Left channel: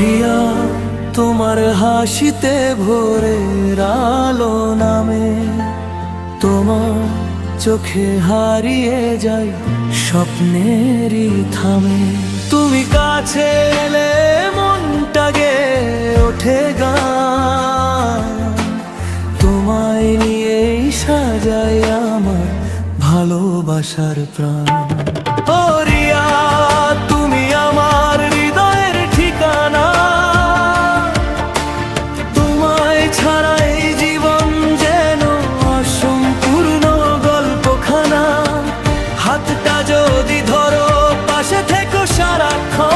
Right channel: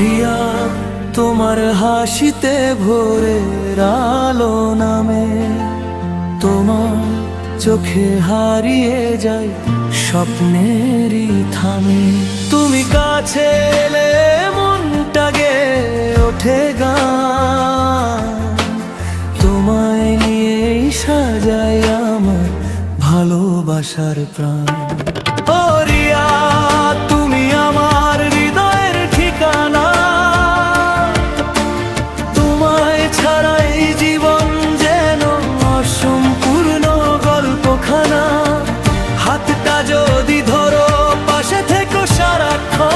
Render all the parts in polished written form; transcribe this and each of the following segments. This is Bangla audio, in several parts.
প্রিয়া, তোমার হাসিতে ভোরের আলো নামে, তোমার চোখে হারিয়ে যাই স্বপ্নেরই থামে। তুমি কাছে এলে মনটা গেয়ে ওঠে গান, তোমায় নিয়েই সাজাই আমার ভালোবাসার প্রাণ। ও রিয়া, তুমি আমার হৃদয়ের ঠিকানা, তোমায় ছাড়া এই জীবন যেন অসম্পূর্ণ গল্পখানা। হাতটা যদি ধরো, পাশে থেকো সারাক্ষণ,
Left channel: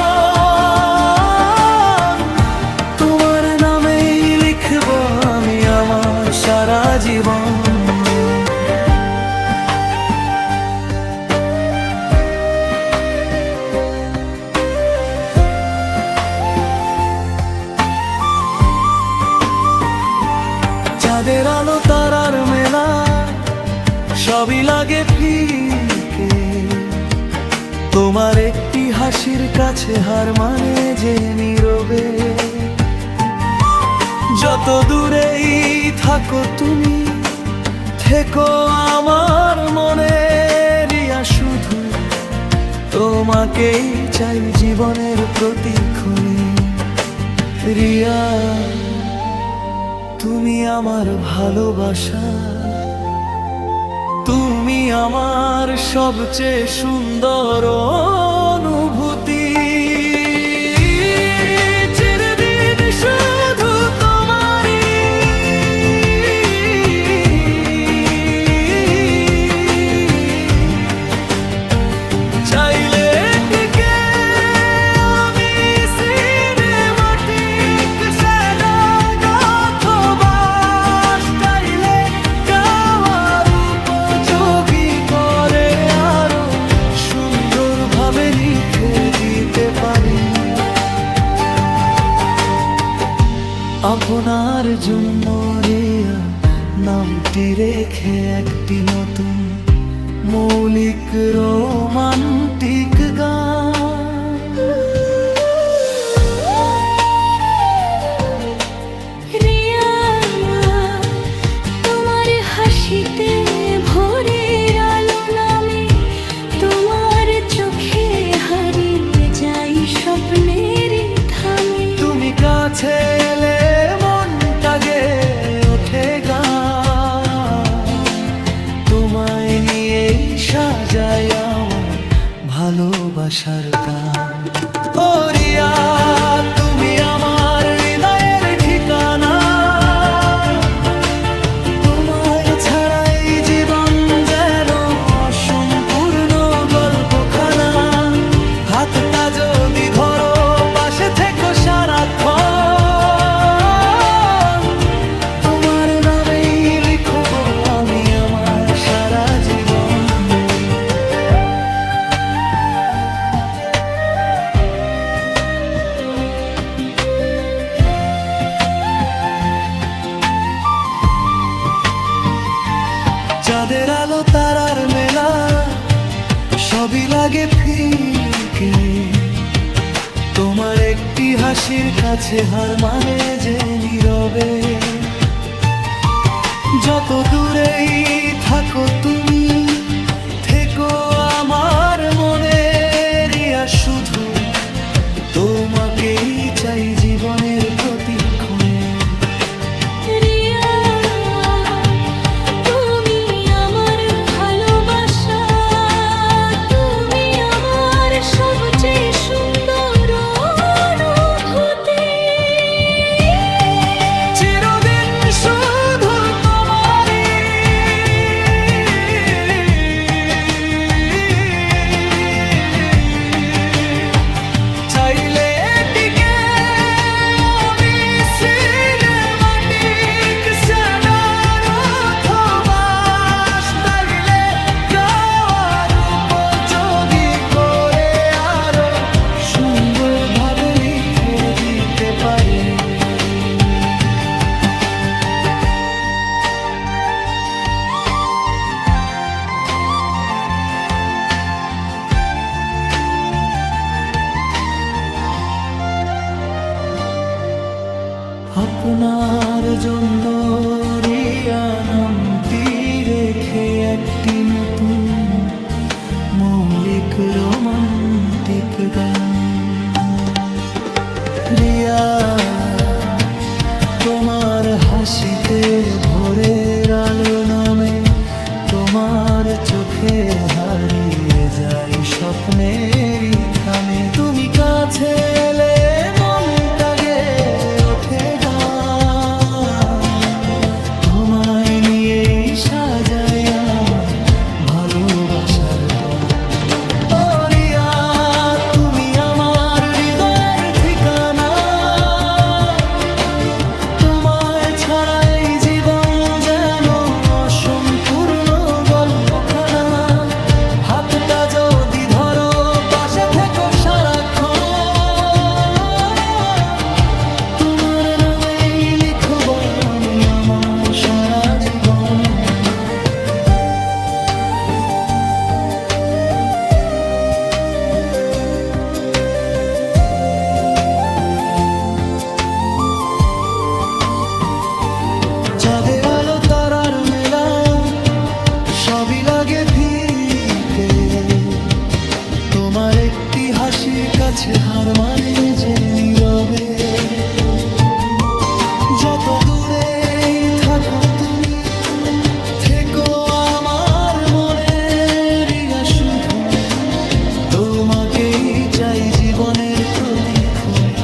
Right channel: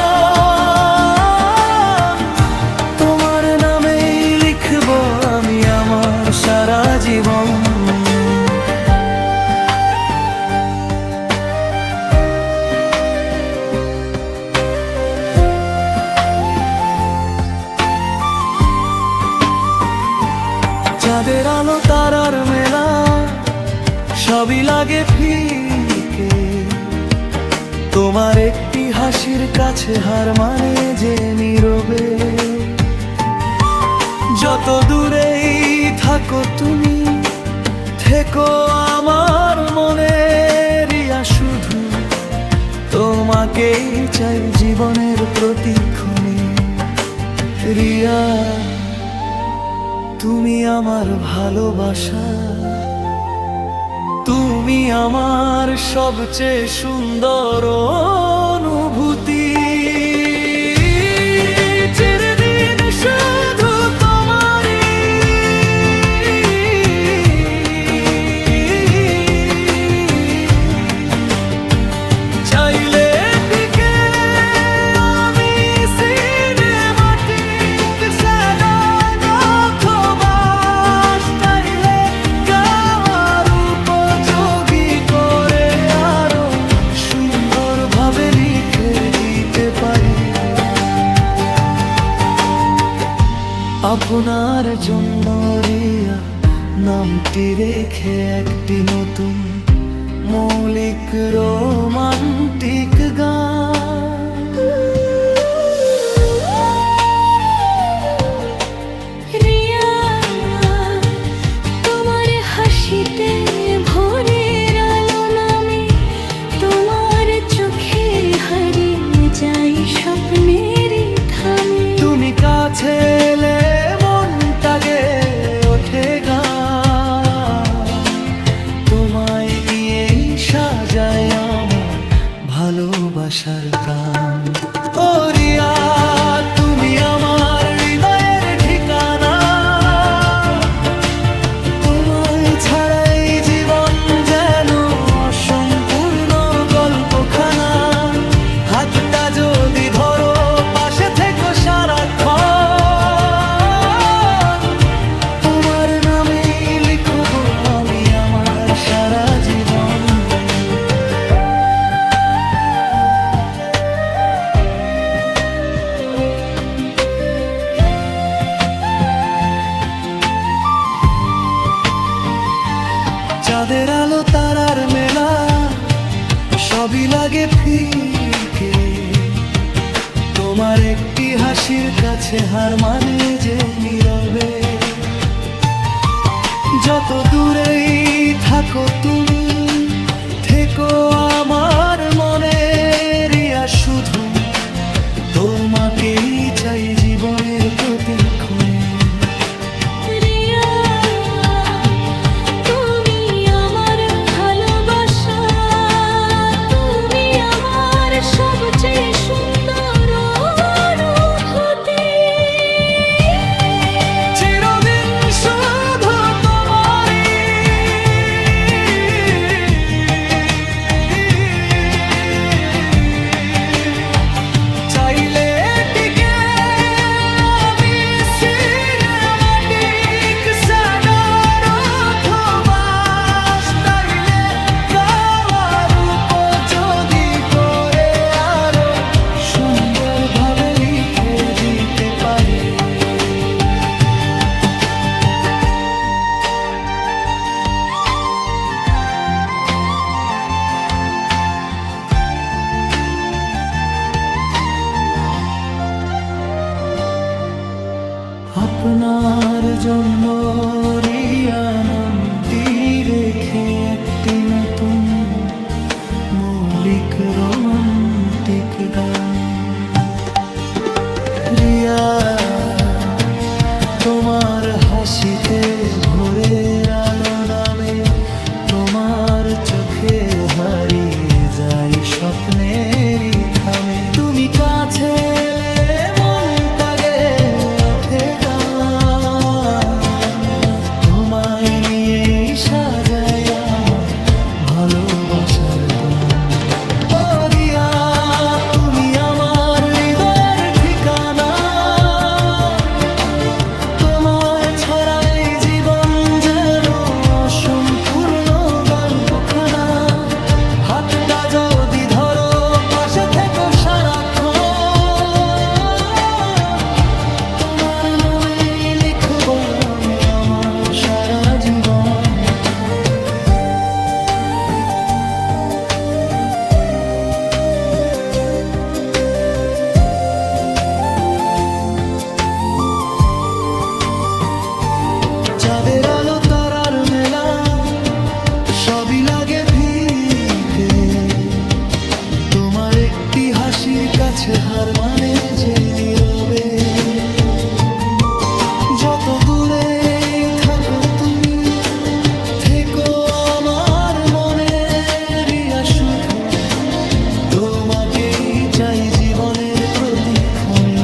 তোমার নামেই লিখবো আমি আমার সারা জীবন। চাঁদের আলো তারার মেলা, সবই লাগে ফিকে, তোমার একটি হাসির কাছে হার মানে যে নীরবে। যত দূরেই থাকো তুমি, থেকো আমার মনে রিয়া, শুধু তোমাকেই চাই জীবনের প্রতিক্ষণে। রিয়া, তুমি আমার ভালোবাসা, তুমি আমার সবচেয়ে সুন্দর অনুভূতি। চিরদিন শুধু তোমারই, চাইলে টিকে আমি সিনেমাটিক স্যাডন, অথবা স্টাইলে গাওয়ার উপযোগী করে আরো সুন্দরভাবে লিখে দিতে পারি। আপনার জন্য রিয়া নামটি রেখে একটি নতুন মৌলিক রোমান্টিক গান। রিয়া, তোমার হাসিতে ভোরের আলো নামে, তোমার চোখে হারিয়ে যাই স্বপ্নেরই থামে। তুমি কাছে এলে মনটা গেয়ে ওঠে গান, তোমায় নিয়েই সাজাই আমার ভালোবাসার প্রাণ। ও রিয়া, তুমি আমার হৃদয়ের ঠিকানা, তোমায় ছাড়া এই জীবন যেন অসম্পূর্ণ গল্পখানা। হাতটা যদি ধরো, পাশে থেকো সারাক্ষণ, তোমার নামেই লিখবো আমি আমার সারা জীবন। চাঁদের আলো তারার মেলা, সবই লাগে ফিকে, তোমার একটি হাসির কাছে হার মানে যে নীরবে। যত দূরেই থাকো তুমি, থেকো আমার মনে রিয়া, শুধু তোমাকেই চাই জীবনের প্রতিক্ষণে। রিয়া, তুমি আমার ভালোবাসা, তুমি আমার সবচেয়ে সুন্দর অনুভূতি। চিরদিন শুধু তোমারই, চাইলে টিকে আমি সিনেমা আপনার জন্য রিয়া নামটি রেখে একটি নতুন মৌলিক রোমান্টিক গান। রিয়া, তোমার হাসিতে ভোরের আলো নামে, তোমার চোখে হারিয়ে যাই স্বপ্নেরই থামে। তুমি কাছে এলে মনটা গেয়ে ওঠে গান, তোমায় নিয়েই সাজাই আমার ভালোবাসার গান। ও রিয়া, তুমি আমার হৃদয়ের ঠিকানা, তোমায় ছাড়া এই জীবন যেন অসম্পূর্ণ গল্পখানা। হাতটা যদি ধরো, পাশে থেকো সারাক্ষণ, তোমার নামে লিখব আমি আমার সারা জীবন। চাঁদের আলো তারার মেলা সবই লাগে ফিকে, তোমার একটি হাসির কাছে হার মানে যে নীরবে। যত দূরেই থাকো তুমি, থেকো আমার মনে। রিয়া, শুধু তোমাকেই চাই জীবনের প্রতিক্ষণে।